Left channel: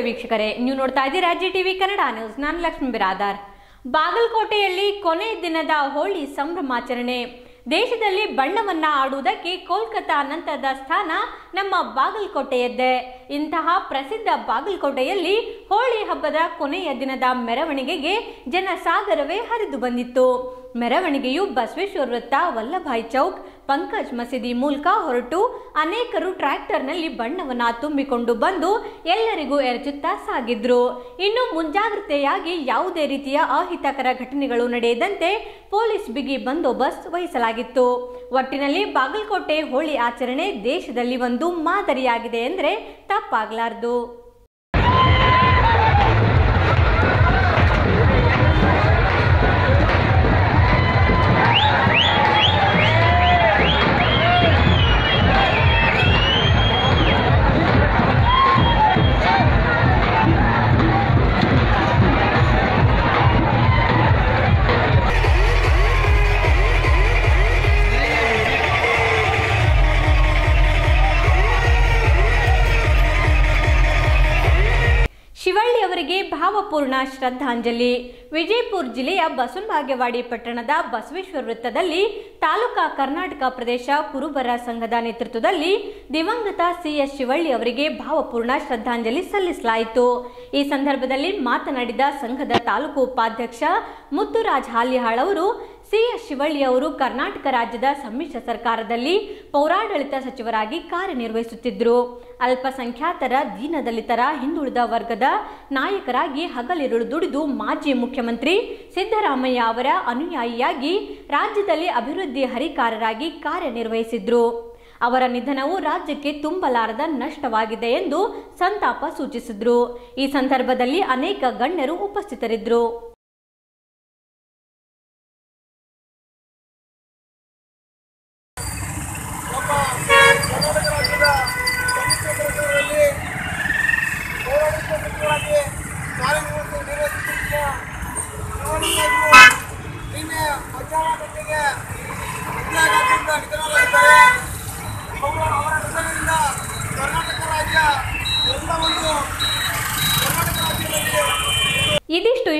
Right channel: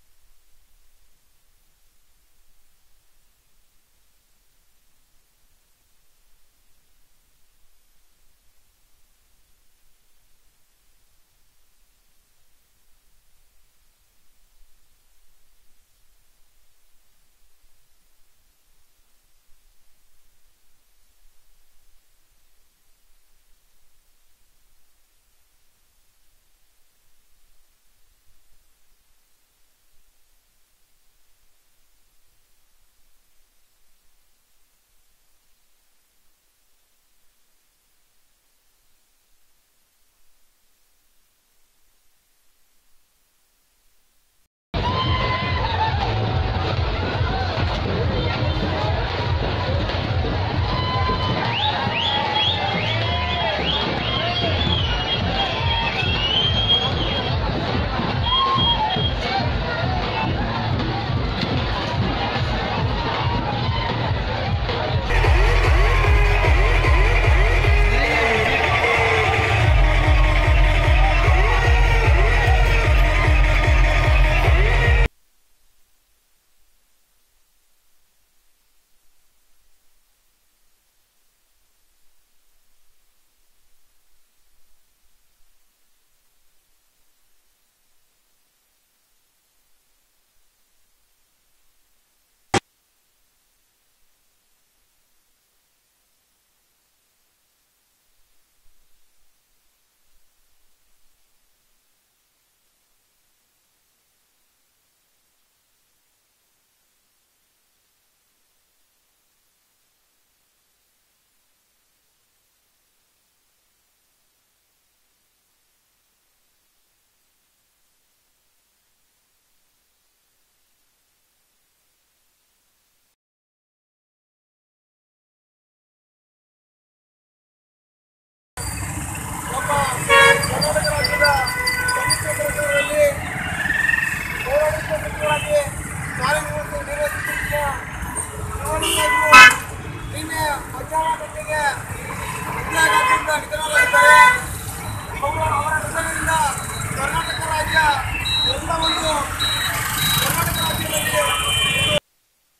ವೀಕ್ಷಕರೇ. ನೀವು ನೋಡ್ತಾ ಇದ್ದೀರಾ ಜಿ ಟಿವಿ ಕನ್ನಡ ನ್ಯೂಸ್. ನಾನು ಲಕ್ಷ್ಮೀ ಬಿರಾದಾರ್. ಬಾಗಲಕೋಟೆಯಲ್ಲಿ ಕೊನೆ ದಿನದ ಹೋಳಿ ಸಂಭ್ರಮಾಚರಣೆ. ದೇಶದಲ್ಲಿ ಬಣ್ಣವನ್ನ ಆಡುವುದಕ್ಕೆ ಕೋಲ್ಕತ್ತಾ ನಂತರದ ಸ್ಥಾನ ನಮ್ಮ ಬಾಗಲಕೋಟೆಯದ್ದೇ. ಇಂತಹ ಪ್ರಸಿದ್ಧ ಬಾಗಲಕೋಟೆಯಲ್ಲಿ ಹೋಳಿ ಹಬ್ಬದ ಕೊನೆಯ ದಿನದ ಮೆರವಣಿಗೆಗೆ ಜನಸಾಗರವೇ ಹರಿದು ಬಂದಿತ್ತು. ಮೆರವಣಿಗೆಯು ಬಸವೇಶ್ವರ ವೃತ್ತ, ವಲ್ಲಭಾಯ್ ಚೌಕ್, ಪಂಕಜ್ ಮಸೀದಿ ಮೂಲಕ ಹೊರಟು ಅನೇಕರು ಟ್ರ್ಯಾಕ್ಟರ್ನಲ್ಲಿ ಬಣ್ಣವನ್ನ ತುಂಬಿಕೊಂಡು ಬಂದು ಎಲ್ಲರಿಗೂ ಎರಚುತ್ತಾ ಸಾಗಿದ್ರು. ಇನ್ನು ಮುಂಜಾಗ್ರತೆಯಾಗಿ ಯಾವುದೇ ರೀತಿಯ ಅಹಿತಕರ ಘಟನೆಗಳು ನಡೆಯದಂತೆ ಪೊಲೀಸ್ ಬಿಗಿ ಬಂದೋಬಸ್ತ್ ವಹಿಸಲಾಗಿತ್ತು ಒಟ್ಟಿನಲ್ಲಿ ಬಾಗಲಕೋಟೆ ಹೋಳಿ ಆಚರಣೆ ದೇಶದಲ್ಲಿ ಒಂದು ಮಾದರಿಯಾಗಿದೆ ಎಂದರೆ ತಪ್ಪಾಗಲಾರದು. ಭಾವಪೂರ್ಣ ಶ್ರದ್ಧಾಂಜಲಿ. ವಿಜಯಪುರ ಜಿಲ್ಲೆಯ ಬಸವನಭಾಗ್ಯವಾಡಿ ಪಟ್ಟಣದ ಬಸವೇಶ್ವರ ವೃತ್ತದಲ್ಲಿ ತಾಲೂಕಾ ಕರ್ನಾಟಕ ಪ್ರದೇಶ ಕುರುಬರ ಸಂಘದ ನೇತೃತ್ವದಲ್ಲಿ ದಿವಂಗತ ಸಿಎಸ್ ಶಿವಳ್ಳಿ ಅವರಿಗೆ ಭಾವಪೂರ್ಣ ಶ್ರದ್ಧಾಂಜಲಿ ಸಲ್ಲಿಸಲಾಯಿತು. ಈ ಸಂದರ್ಭದಲ್ಲಿ ಮಾತನಾಡಿದ ಸಂಘದ ತಾಲೂಕು ಉಪಾಧ್ಯಕ್ಷ ಮುತ್ತುರಾಜ್ ಹಾಲಿಹಾಳ್ ಅವರು ಸಿಎಸ್ ಶಿವಳ್ಳಿ ಅವರು ಕರ್ನಾಟಕ ರಾಜ್ಯದ ಸಮ್ಮಿಶ್ರ ಸರ್ಕಾರದಲ್ಲಿ ಪೌರಾಡಳಿತ ಸಚಿವರಾಗಿ ಕಾರ್ಯನಿರ್ವಹಿಸುತ್ತಿದ್ದರು. ಅಲ್ಪಸಂಖ್ಯಾತರ ದೀನದಲಿತರ ಹಿಂದುಳಿದ ವರ್ಗದ ನಾಯಕರಾಗಿ ಹಗಲಿರುಳು ದುಡಿದು ಮಾಜಿ ಮುಖ್ಯಮಂತ್ರಿ ಸಿದ್ದರಾಮಯ್ಯ ಅವರ ಅನುಯಾಯಿಯಾಗಿ ರಾಜ್ಯದಲ್ಲಿ ಅಭಿವೃದ್ಧಿ ಹರಿಕಾರರಾಗಿ ಕಾರ್ಯನಿರ್ವಹಿಸಿದ್ರು. ಅವರ ನಿಧನವು ರಾಜ್ಯಕ್ಕೆ ತುಂಬಲಾರದ ನಷ್ಟವಾಗಿದೆ ಎಂದು ಸಂತಾಪ ಸೂಚಿಸಿದ್ರು. ಈ ಸಂದರ್ಭದಲ್ಲಿ ಅನೇಕ ಗಣ್ಯರು ಉಪಸ್ಥಿತರಿದ್ದರು ನಮ್ಮ ಕರ್ನಾಟಕ ರಾಜ್ಯದ ಸಮ್ಮಿಶ್ರ ಸರ್ಕಾರದಲ್ಲಿ ಪೌರಾಡಳಿತ ಸಚಿವರಾಗಿ ಕಾರ್ಯನಿರ್ವಹಿಸಿ ನಿರ್ವಹಿಸುತ್ತಿರುವ ಶಿವಣ್ಣನವರು ನಿನ್ನೆ ಮಧ್ಯಾಹ್ನ ಗಂಟೆಗೆ ಹೃದಯಾಘಾತದಿಂದ ನಿಧನರಾಗಿದ್ದಾರೆ ಅವರು ಅವರ ನಿಧನದಿಂದ ಕರ್ನಾಟಕ ರಾಜ್ಯ ಎಲ್ಲ ಒಂದು ಕರ್ನಾಟಕ ರಾಜ್ಯದಲ್ಲಿ ಇದಿಷ್ಟು ಈ